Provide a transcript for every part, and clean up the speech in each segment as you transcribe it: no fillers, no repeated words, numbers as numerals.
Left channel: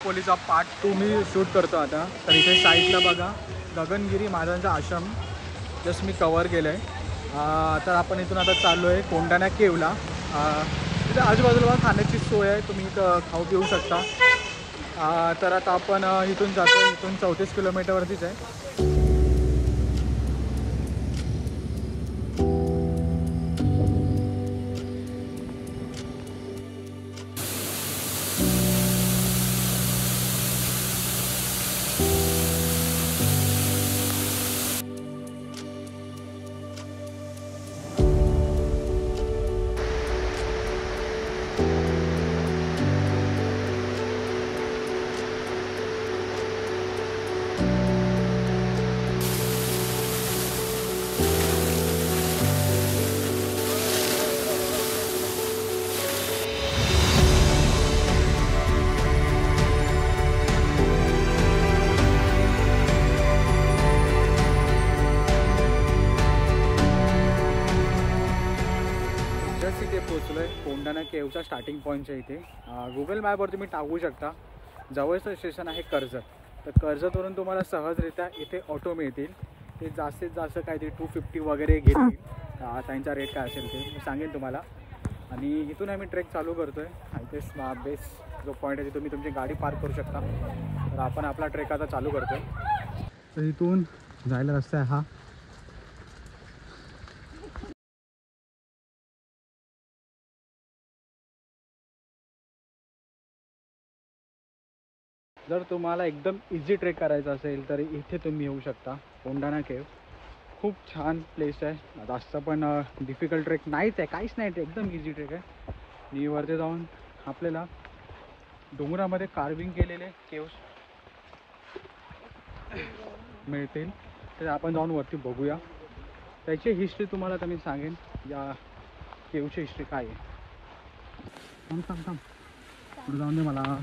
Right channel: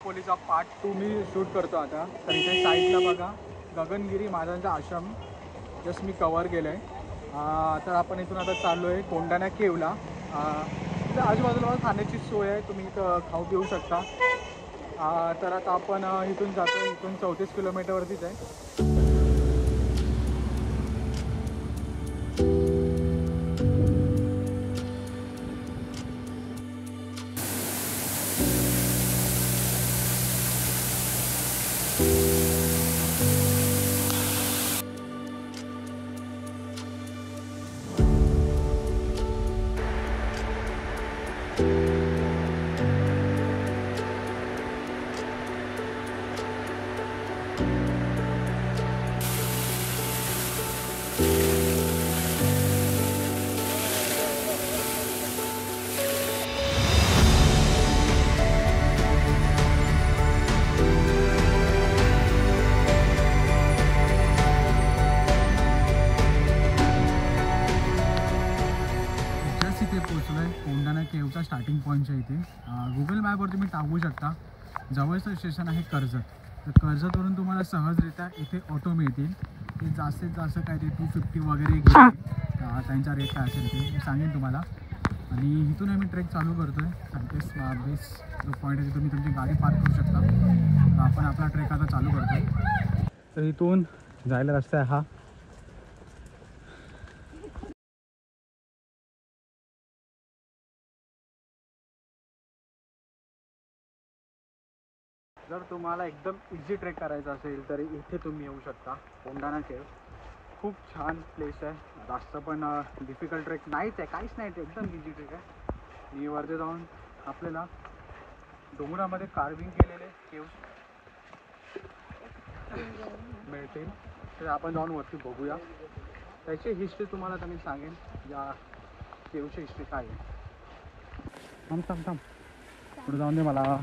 पोलीचा part 2 मी shoot करतो आता. तर इथे साईडला बघा गगनगिरी महाराजांचा आश्रम जस्ट मी कवर केलं आहे. तर आपण इथून आता चाललो आहे कोंडाणा केवला. इथं आजूबाजूला खाण्याची सोय आहे, तुम्ही इथं खाऊ पिऊ शकता. तर आता आपण इथून जातो. इथून 34 किलोमीटरवरतीच आहे. कोंडाणा केवचा स्टार्टिंग पॉईंटच्या इथे गुगल मॅपवरती मी टाकू शकता. जवळचं स्टेशन आहे कर्जत. तर कर्जतवरून तुम्हाला सहजरित्या इथे ऑटो मिळतील. ते जास्तीत जास्त काहीतरी 250 वगैरे घेतील. त्यांचा रेट काय असेल ते मी सांगेन तुम्हाला. आणि इथून आम्ही ट्रेक चालू करतो आहे. बेस्ट जो पॉईंट आहे तिथून तुम्ही तुमची गाडी पार्क करू शकता. तर आपण आपला ट्रेक आता चालू करतो आहे. तर इथून जायला रस्ता आहे हा. जर तुम्हाला एकदम इझी ट्रेक करायचा असेल तर इथे तुम्ही येऊ शकता. कोंडाणा केव खूप छान प्लेस आहे. जास्त पण डिफिकल्ट ट्रेक नाहीच आहे, काहीच नाही. ते एकदम इझी ट्रेक आहे. आणि वरती जाऊन आपल्याला डोंगरामध्ये कार्विंग केलेले केव्स मिळतील. तर आपण जाऊन वरती बघूया. त्याची हिस्ट्री तुम्हाला तर मी सांगेन. या केवची हिस्ट्री काय आहे. थांब पुढे जाऊन दे मला.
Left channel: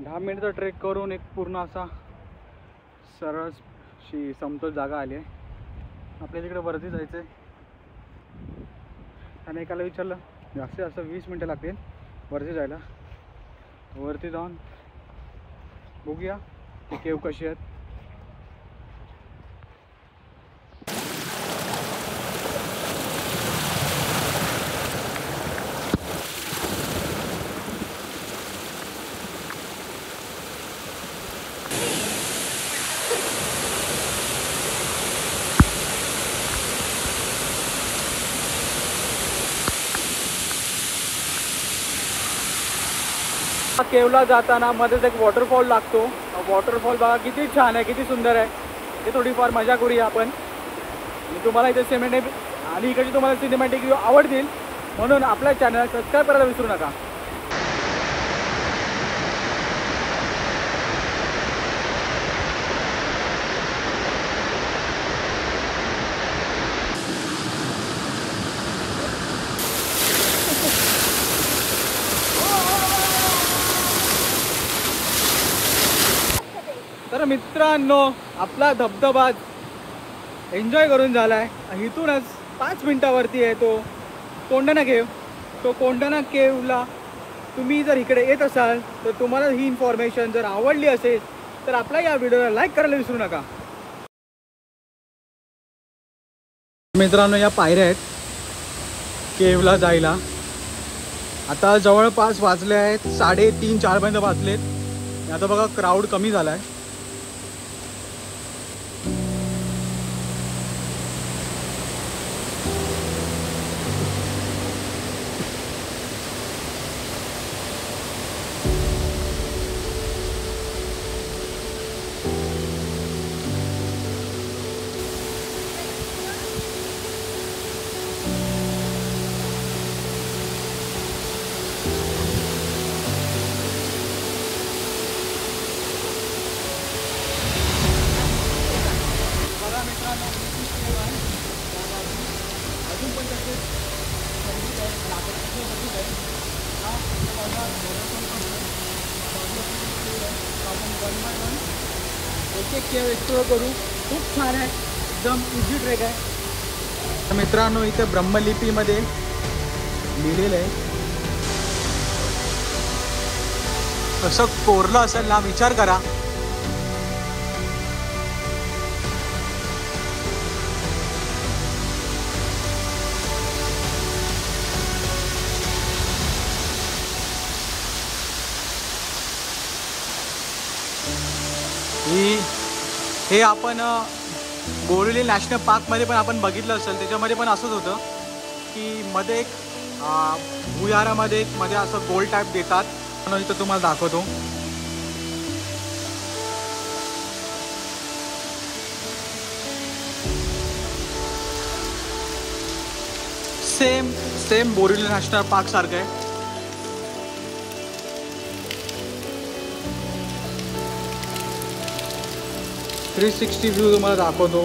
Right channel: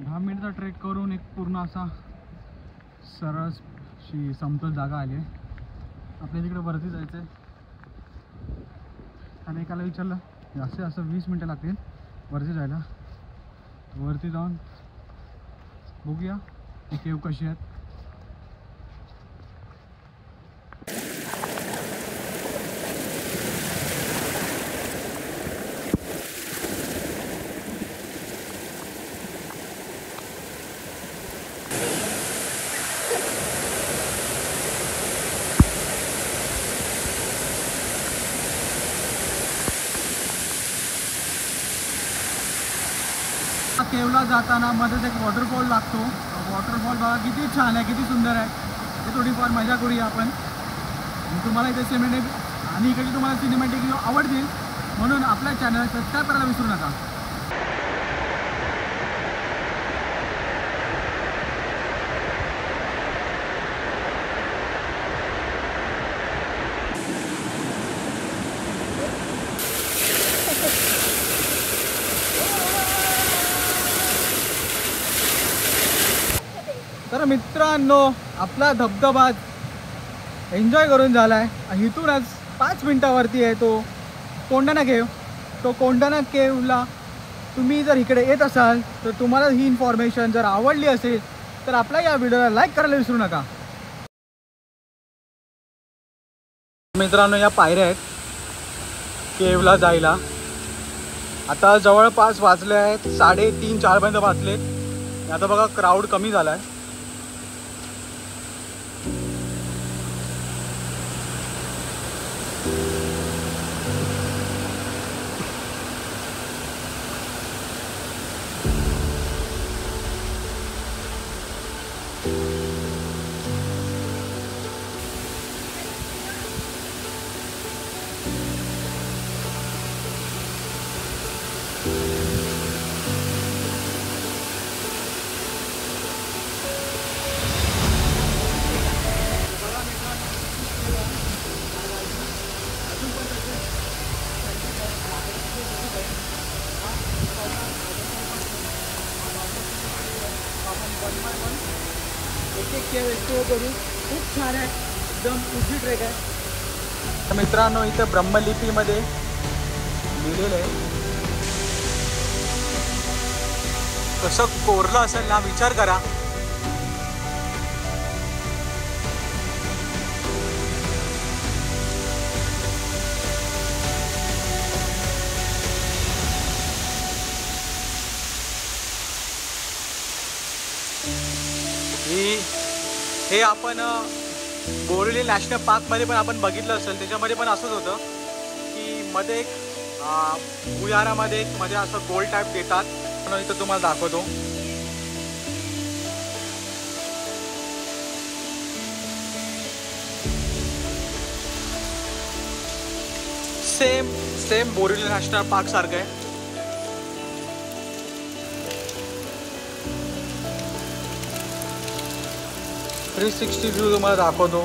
दहा मिनिटचा ट्रेक करून एक पूर्ण असा सरळ समतोल जागा आली आहे. आपल्याला तिकडे वरती जायचं आहे. आणि एकाला विचारलं असं 20 मिनटं लागतील वरती जायला. वरती जाऊन बघूया ही केव कशी आहेत. केवला जाताना मध्येच एक वॉटरफॉल लागतो. वॉटरफॉल बघा किती छान आहे, किती सुंदर आहे. हे थोडीफार मजा करूया आपण. मी तुम्हाला इथे सिनेमॅटिक आणि इकडे तुम्हाला सिनेमॅटिक व्ह्यू आवडतील म्हणून आपल्या चॅनल सबस्क्राईब करायला विसरू नका. तर मित्रांनो आपला धबधबा एन्जॉय करून झाला आहे. इथूनच 5 मिनटावरती आहे तो कोंडाणा केव. तो कोंडाणा केवला तुम्ही जर इकडे येत असाल तर तुम्हाला ही इन्फॉर्मेशन जर आवडली असेल तर आपल्या या व्हिडिओला लाईक करायला विसरू नका. मित्रांनो या पायऱ्या आहेत केवला जायला. आता जवळपास वाजले आहेत 3:30-4 पर्यंत वाजलेत. आता बघा क्राऊड कमी झाला आहे. इथे केव एक्सप्लोर करू. खूप छान आहे, एकदम इझी ट्रेक आहे. तर मित्रांनो इथे ब्रह्मलिपीमध्ये लिहिलेलं आहे. कसं कोरलं असेल ना, विचार करा. हे आपण बोरिवली नॅशनल पार्कमध्ये पण आपण बघितलं असेल. त्याच्यामध्ये पण असंच होतं की मध्ये एक भुयारामध्ये एक मध्ये असं गोल टाईप देतात. पण इथं तुम्हाला दाखवतो. सेम बोरिवली नॅशनल पार्क सारखं आहे. थ्री 360 व्ह्यू तुम्हाला दाखवतो.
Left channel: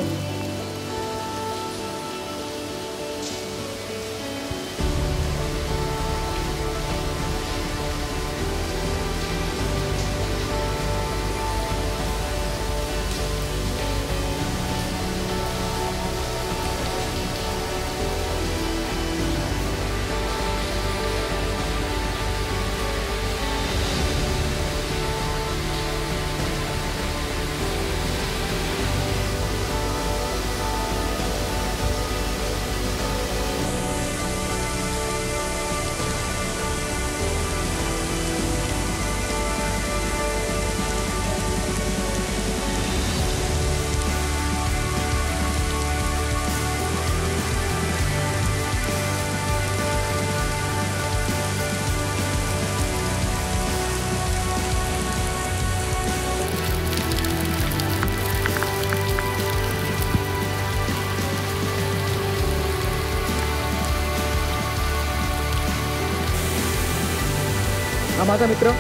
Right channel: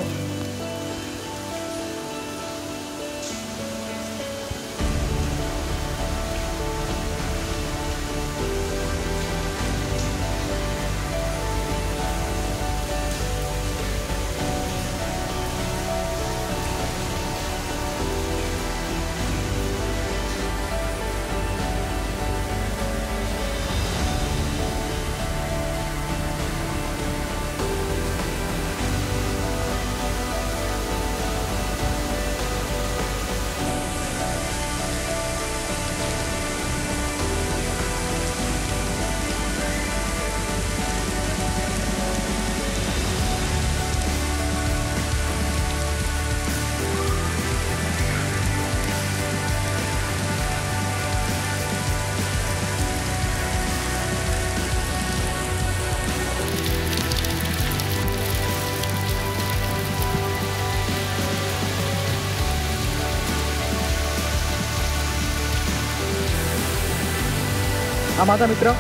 हा माझा मित्र.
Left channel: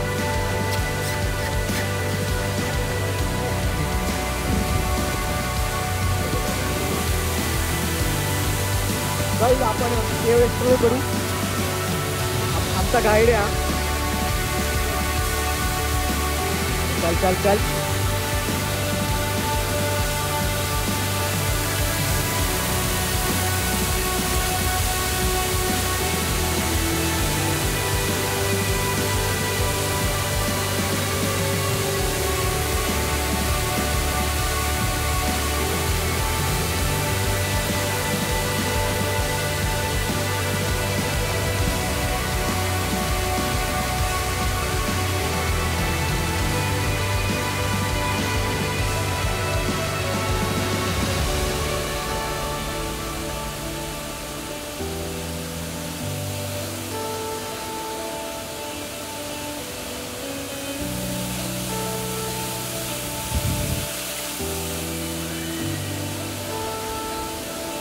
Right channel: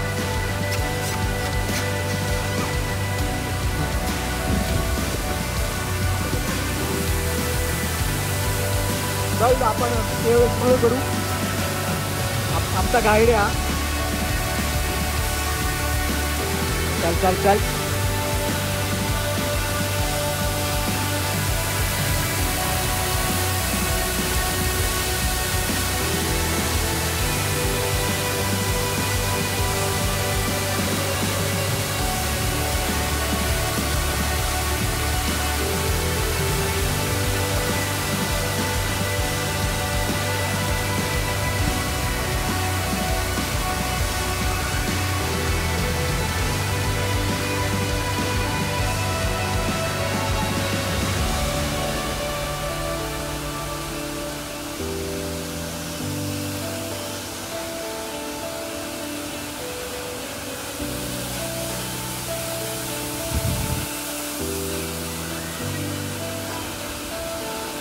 जाऊ आपण केव एक्सप्लोर करू. आमचा गाईड आहे. चल चल चल.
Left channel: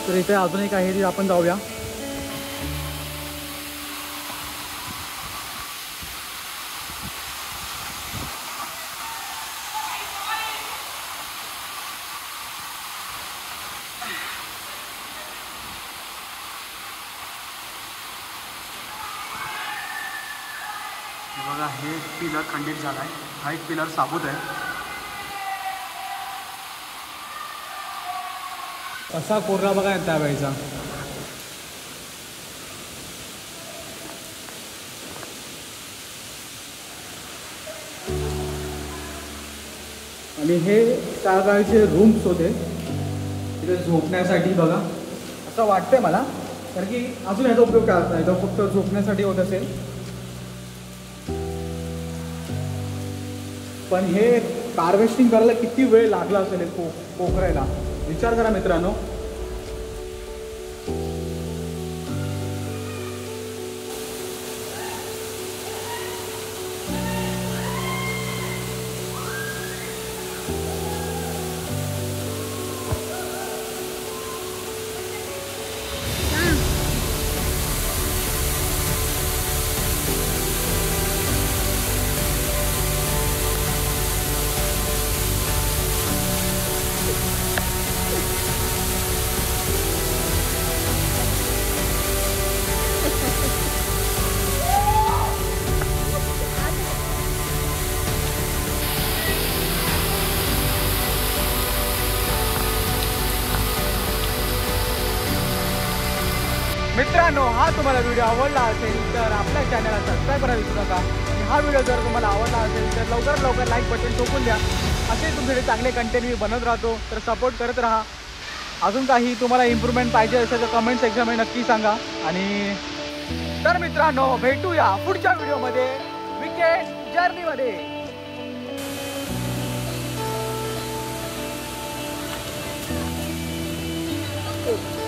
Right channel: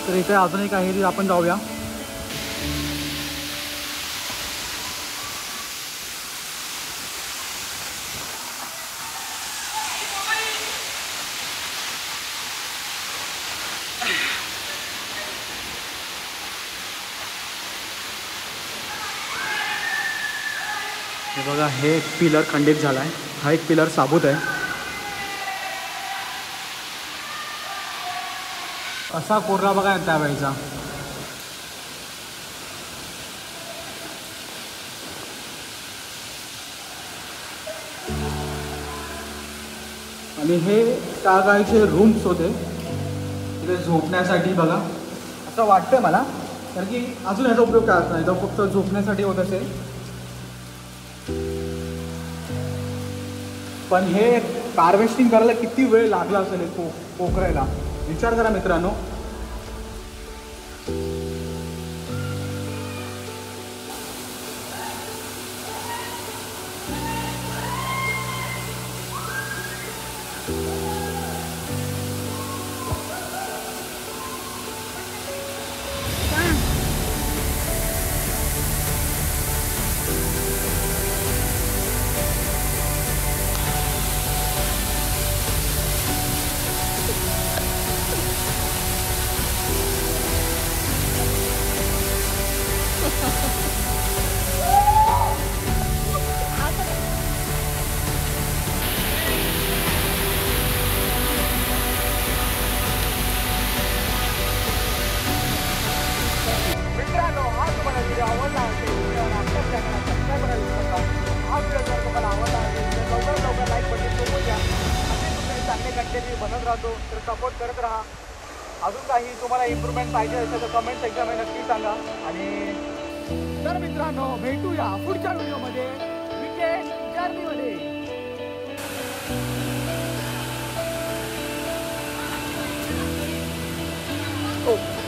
तर इथे अजून एक आहे, आपण जाऊया. हे बघा, हे एक पिलर खंडित झाला आहे. हा एक पिलर साबूत आहे. असा कोरला बघा त्यावेळेचा. आणि हे त्या काळचे रूम्स होते तिथे झोपण्यासाठी. बघा असं वाटतंय मला, कारण की अजून याचा उपयोग करत नाही, तो फक्त झोपण्यासाठी होत असेल. पण हे हार्वेस्टिंग करायला किती वेळ लागला असेल पोखरायला, विचार करा मित्रांनो. मित्रांनो, हा तुम्हाला व्हिडिओ आवडला असेल तर आपल्या चॅनलला सबस्क्राईब करायला विसरू नका. आणि हा व्हिडिओ जर तुम्हाला आवडला असेल तर लवकरात लवकर लाईक बटन टोकून द्या. असे तुमचे चांगले कंटेंट मी बनवत राहतो, तर सपोर्ट करत राहा. अजून काही तुम्हाला इम्प्रूव्हमेंट पाहिजे असेल तर कमेंट सेक्शनमध्ये नक्की सांगा. आणि तर मित्रांनो, भेटूया पुढच्या व्हिडिओमध्ये विकेंड जर्नीमध्ये. Oh.